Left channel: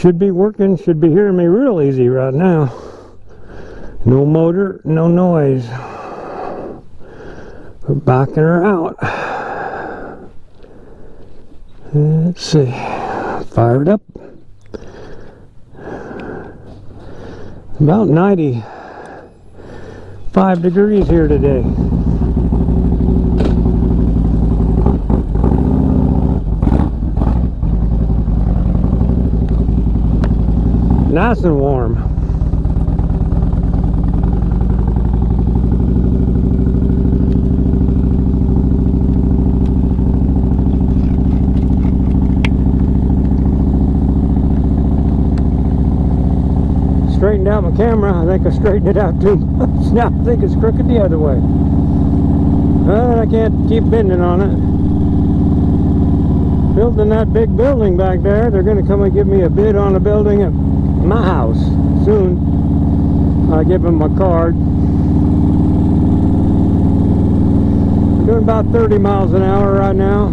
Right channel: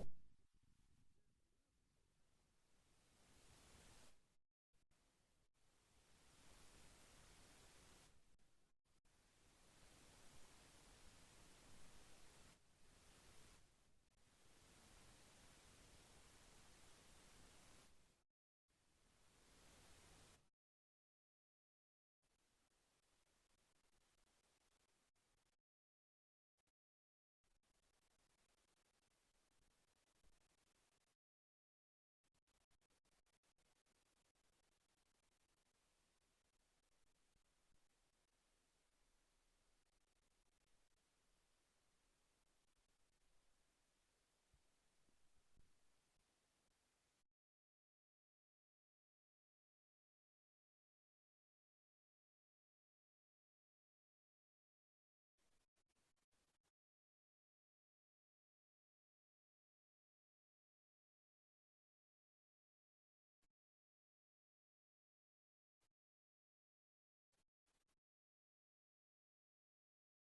Should be working, should be hearing me real easy right now. No motor, no noise. We're backing her out. Let's see. Fire it up. About 95 degrees here today. Nice and warm. Straightened out my camera. I think I straightened it out too much. Now I think it's crooked the other way. I can't keep bending on it. Building that big building back there, they're going to come and give me a bid on a building at my house soon. I give them my card. I'm doing about 30 miles an hour right now.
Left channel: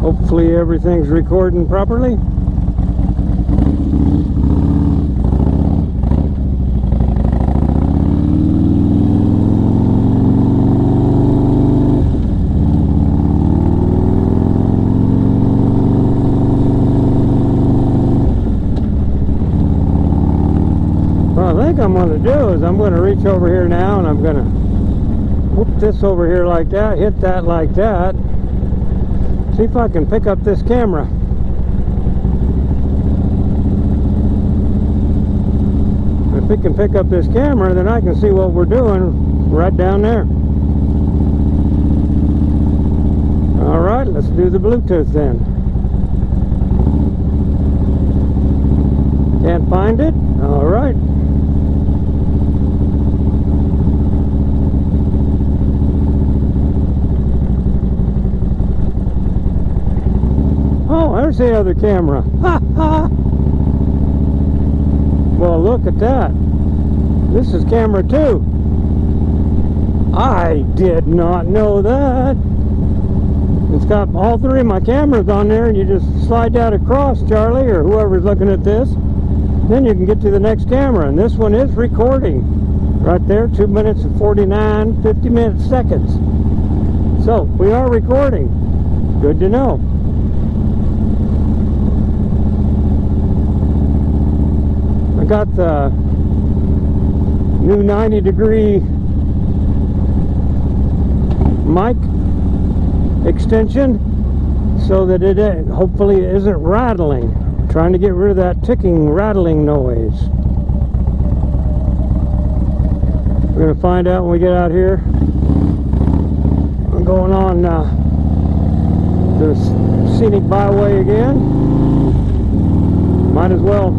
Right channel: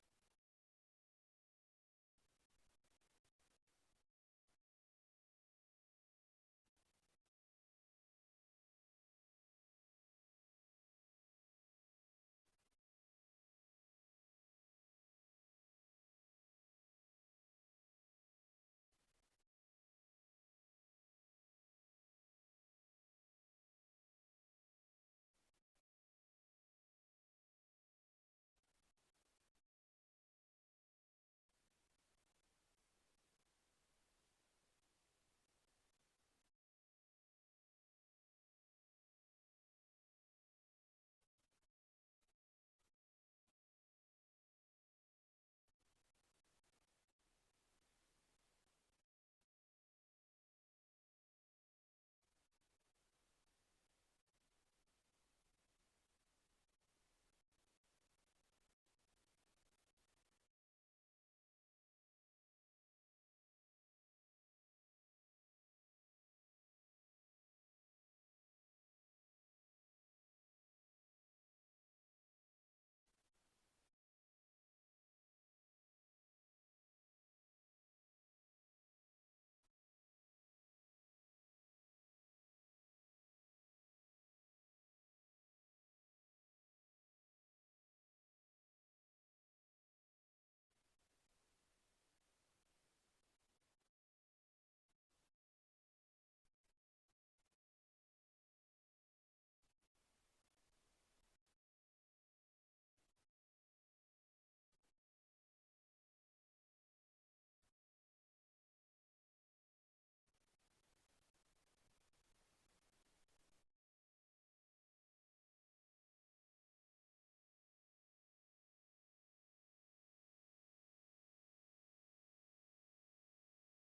Hopefully everything's recording properly. What I think I'm going to do is I'm going to reach over here now and I'm going to whoop this over here like that, hit that like that. See if I can pick up this camera. If it can pick up this camera, then I can see what we're doing right down there. Alright, let's do the Bluetooth then. Can't find it? Alright. Oh, there's the other camera. Ha ha! Well, look at that. This is camera 2. I did not know that. It's got all 3 of my cameras on there, and you just slide that across, Charlie, or whoever's looking at this. Then you can get to the next camera, and this one is recording. Right there, 2 minutes and 49, 50 seconds. So, we are recording. Good to know. I got the new 90-degree mic extension so that it hopefully isn't rattling. I'm trying to get rid of that ticking, rattling noise. We're going to find out when we get out here. I'm going on the scenic byway again. Might as well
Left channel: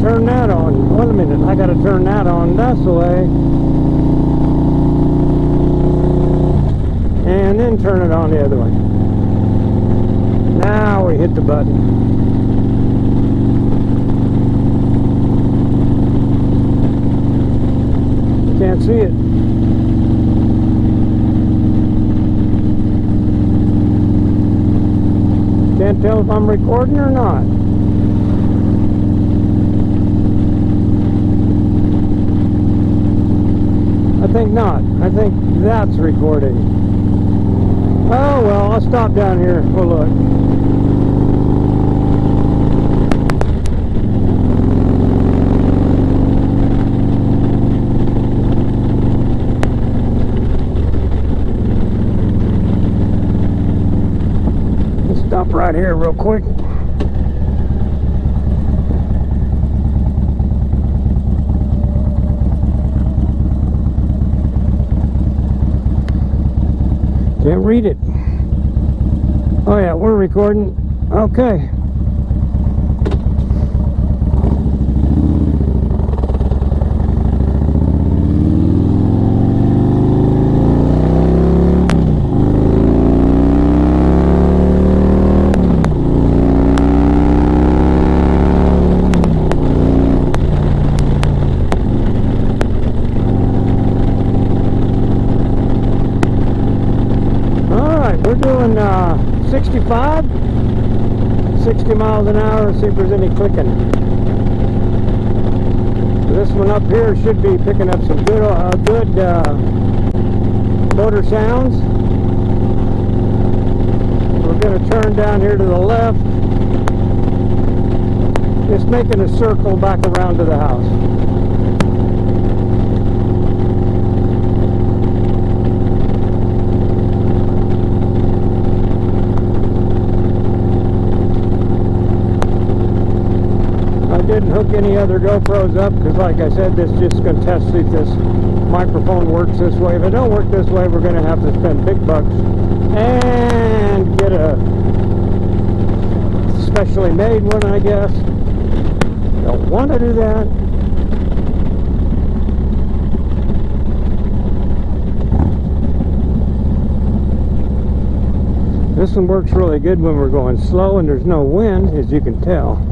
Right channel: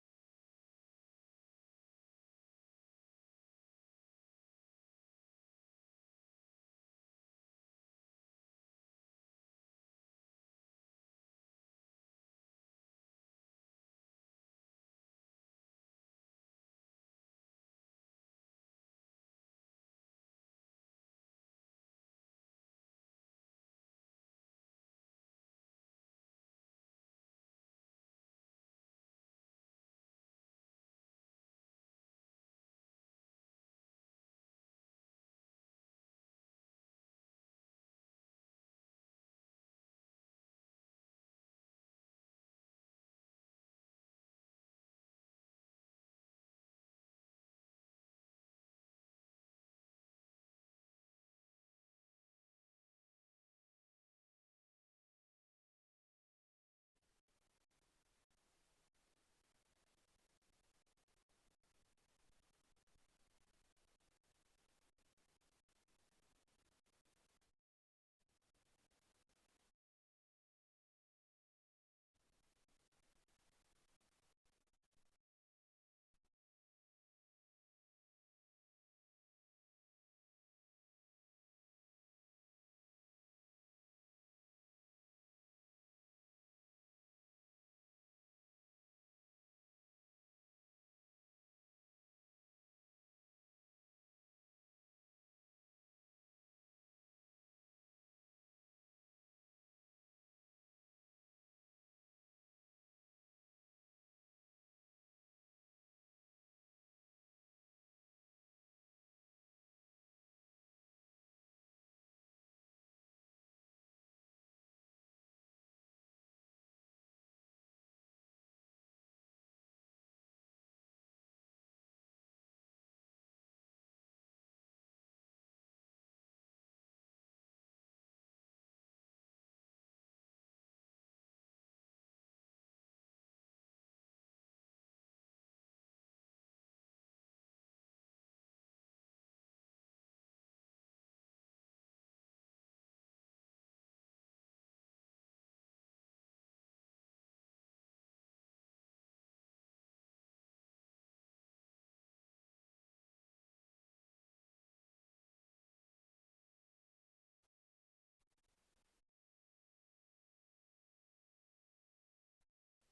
turn that on. Wait a minute, I gotta turn that on. That's the way. And then turn it on the other way. Now we hit the button. Can't see it. Can't tell if I'm recording or not. I think not. I think that's recording. Oh well, I'll stop down here. We'll look. Let's stop right here real quick. Can't read it. Oh yeah, we're recording. Okay. 65, 60 miles an hour, see if there's any clicking. This one up here should be picking up some good motor sounds. We're going to turn down here to the left, just making a circle back around to the house. I didn't hook any other GoPros up because, like I said, this is just going to test see if this microphone works this way. If it don't work this way, we're going to have to spend big bucks and get a specially made one, I guess. Don't want to do that. This one works really good when we're going slow and there's no wind, as you can tell.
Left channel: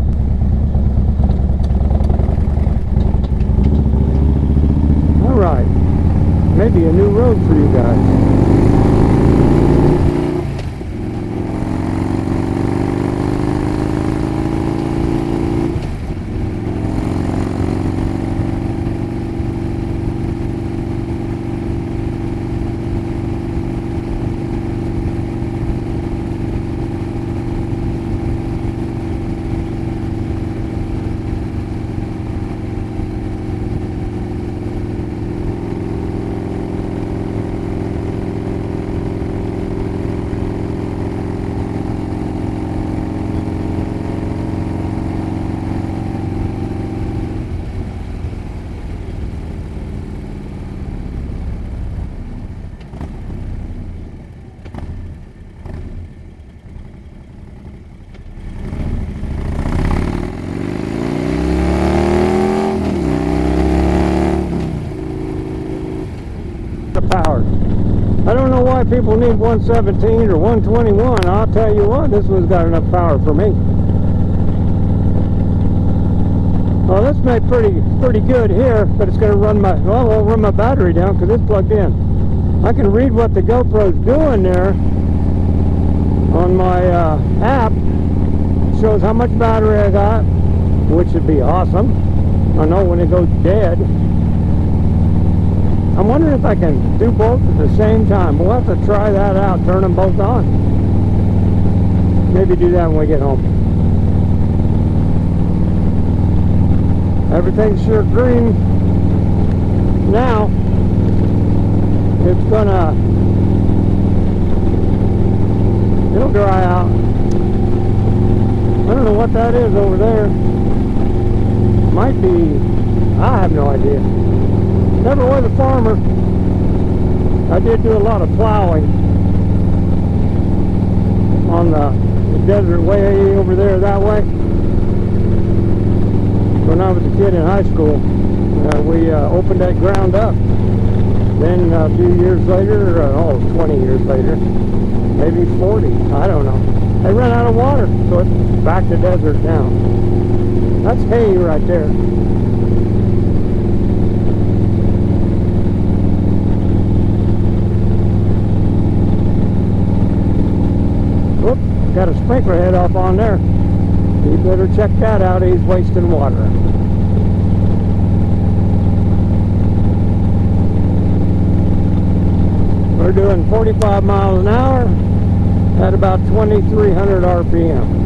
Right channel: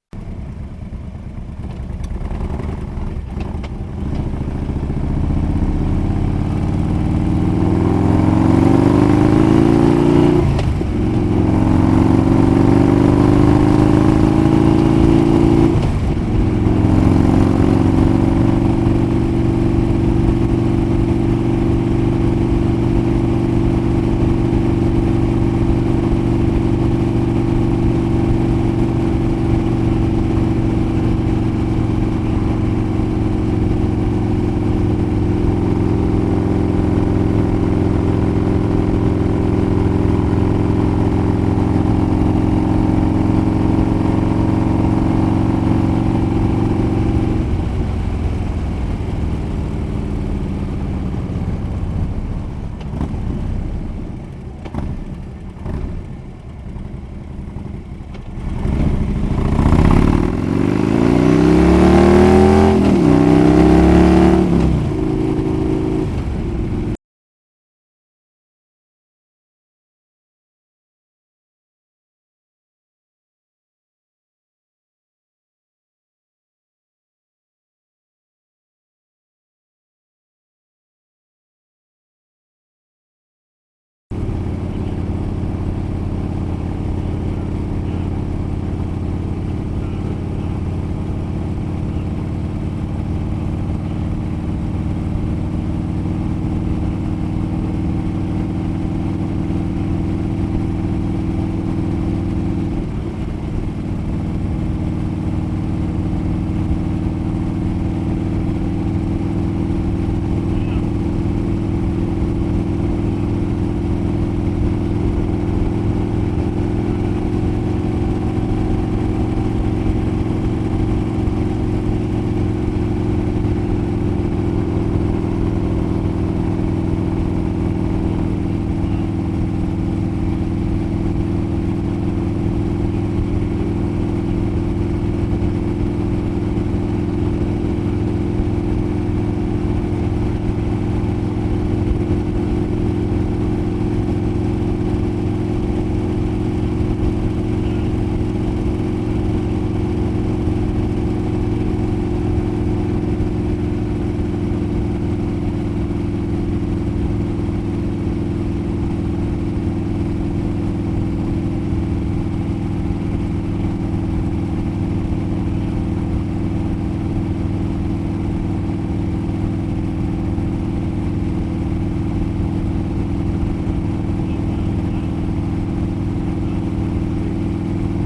Alright, maybe a new road for you guys. People need 117 or 121. I'll tell you what, this one's got enough power for me. Well, this may pretty good here, but it's going to run won't run my battery down because it's plugged in. I can read what the GoPro's doing there on my app. It shows how much battery I got, which would be awesome. I know when it goes dead. I'm wondering if I can do both at the same time. We'll have to try that out, turn them both on. Maybe do that when we get home. Everything's sure green now. It's gonna, it'll dry out. I don't know what that is over there. Might be, I have no idea. Never was a farmer. I did do a lot of plowing on the desert way over there that way. When I was a kid in high school, we opened that ground up. Then a few years later, 20 years later, maybe 40, I don't know. They ran out of water, so it's back to desert now. That's hay right there. Got a sprinkler head off on there. You better check that out. He's wasting water. We're doing 45 miles an hour at about 2,300 RPM.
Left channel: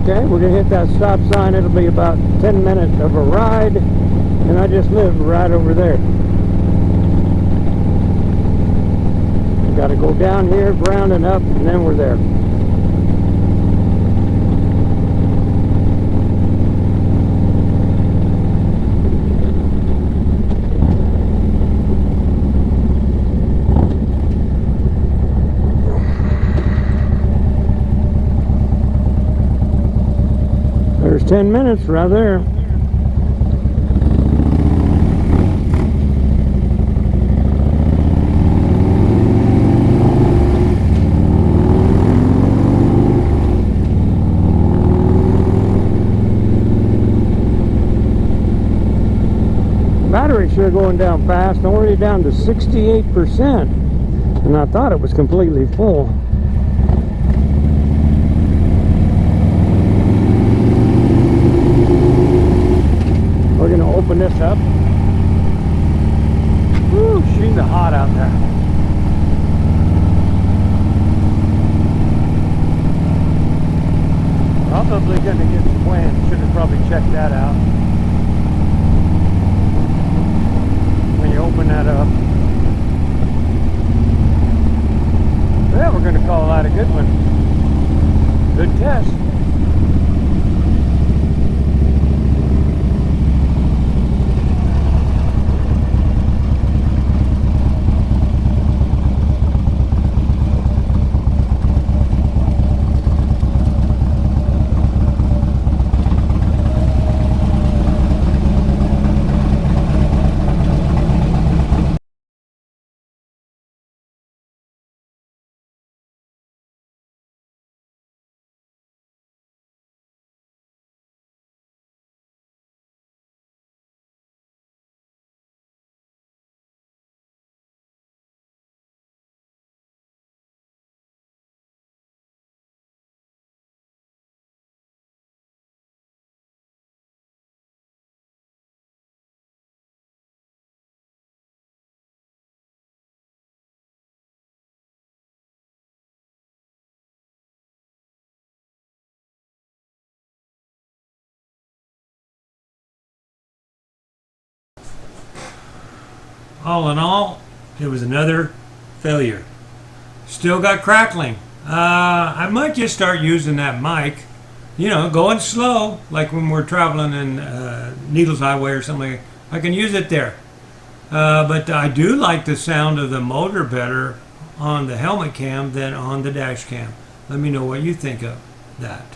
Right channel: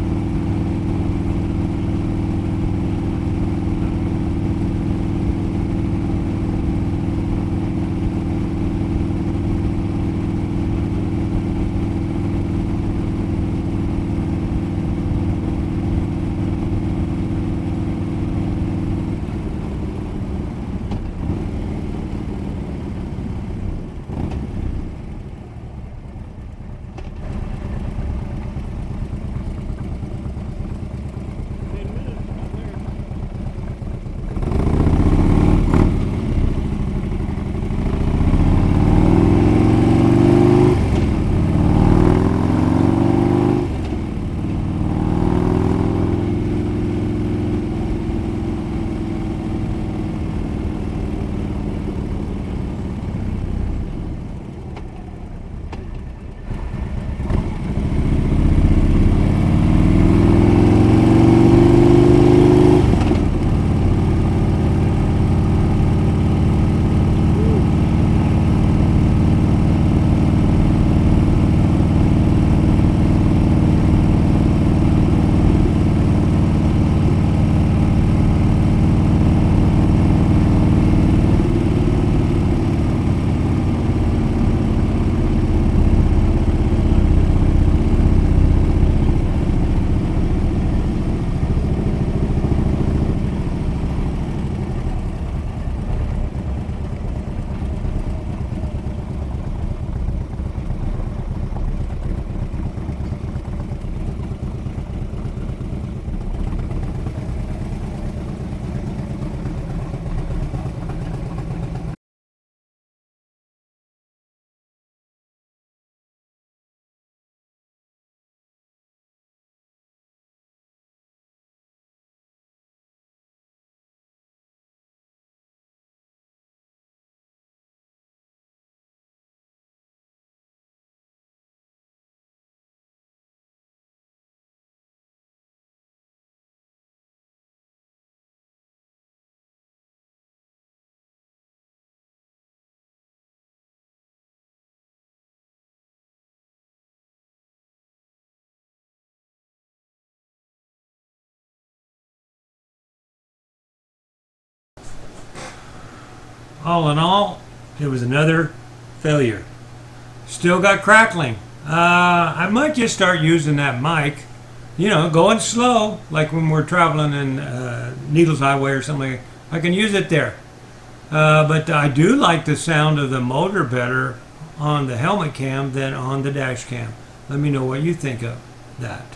Okay, we're going to hit that stop sign. It'll be about 10 minutes of a ride, and I just live right over there. We've got to go down here, ground it up, and then we're there. There's 10 minutes right there. battery sure going down fast, already down to 68%. And I thought it was completely full. We're going to open this up. Woo, shooting hot out there. Probably going to use the plane. Should have probably checked that out. When you open that up. Yeah, we're going to call that a good one. Good test. All in all, it was another failure. Still got crackling. I might just start using that mic, going slow, like when we're traveling in Needles Highway or something. I can use it there. But I do like the sound of the motor better on the helmet cam than on the dash cam. Let me know what you think of that.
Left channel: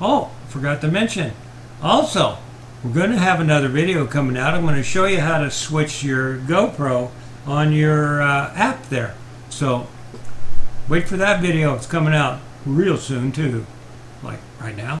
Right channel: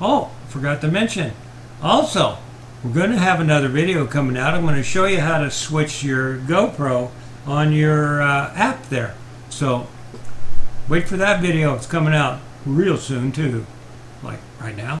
Oh, forgot to mention. Also, we're going to have another video coming out. I'm going to show you how to switch your GoPro on your app there. So wait for that video. It's coming out real soon too, like right now.